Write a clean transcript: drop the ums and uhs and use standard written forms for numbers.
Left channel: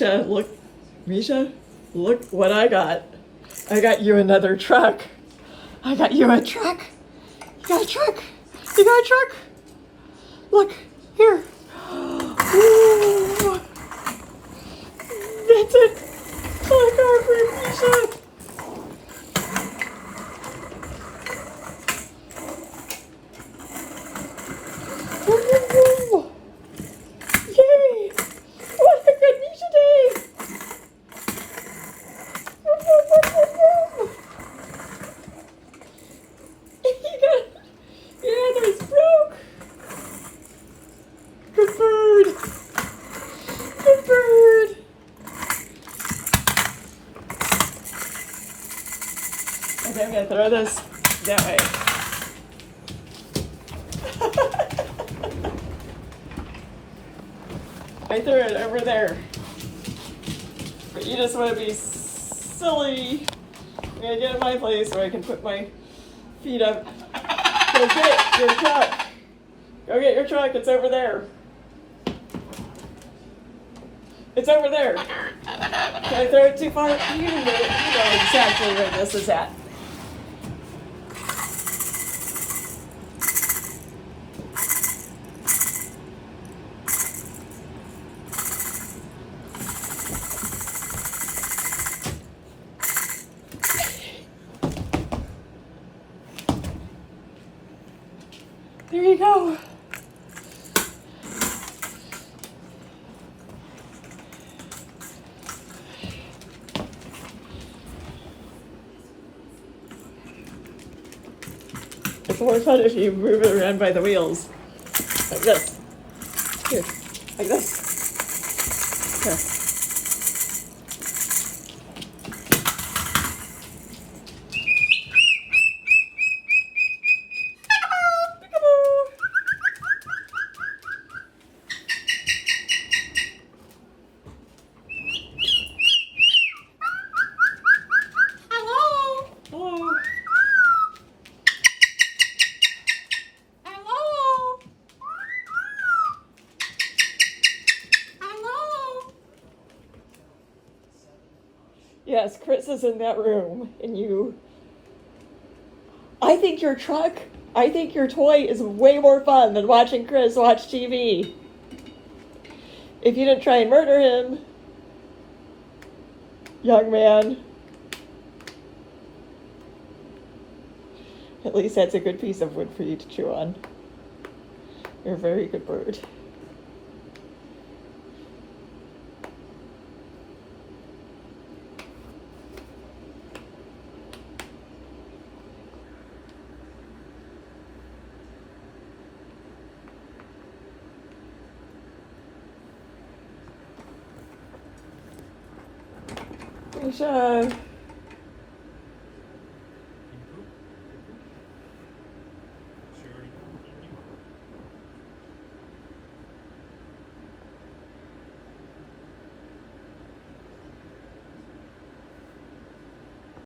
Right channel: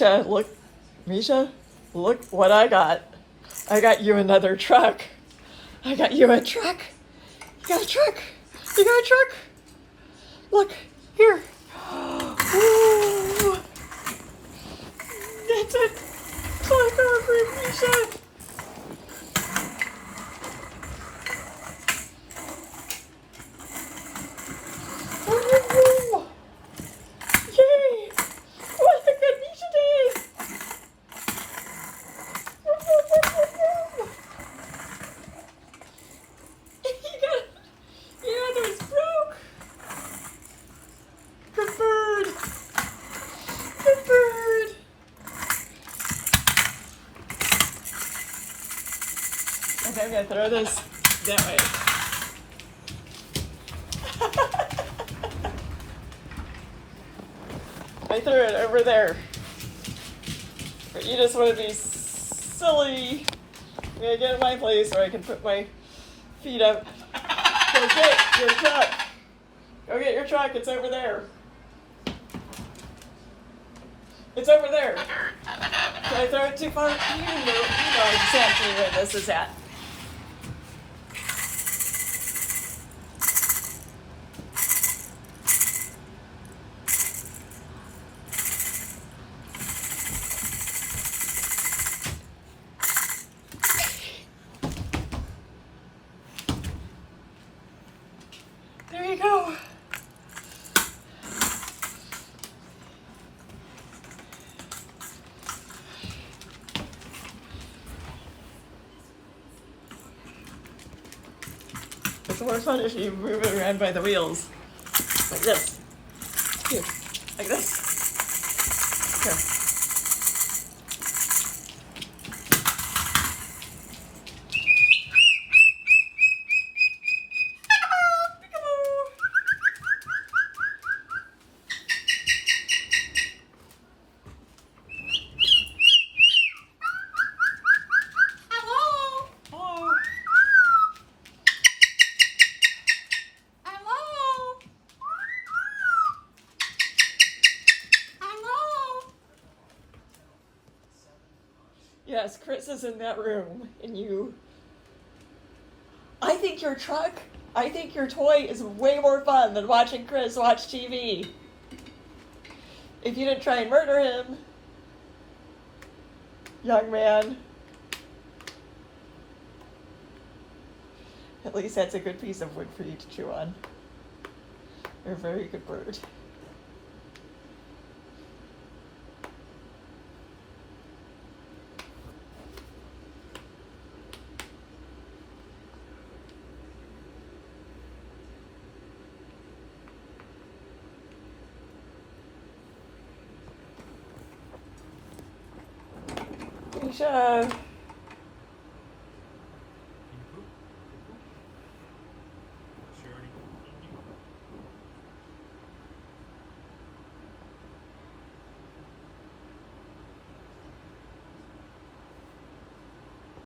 Misha, look. Misha, look what I got. I got you another truck. I got you a truck. You got a truck. You got a truck. Look, here. Ooh. That's it. Truck car for Misha. Woo. Yay. What a good Misha day. Yeah, those broke. Good bird. Good bird. Okay, I'm gonna throw this that way. I threw it over there. But you just want to be silly. I'm gonna get in my place where I can put my feet up. Go get your truck. Go get your truck. It's over there. It's over there. Can I throw it too far? You know exactly where this is at. There you go. It's more fun if you move it around by the wheels. Like this. Here. Like this. Here. Yes, Chris is in that room, and I think your toy is way more fun than watching Chris watch TV. If you didn't try and murder him, young man, at least that's a good piece of wood for you to chew on. You're a very good bird. Misha.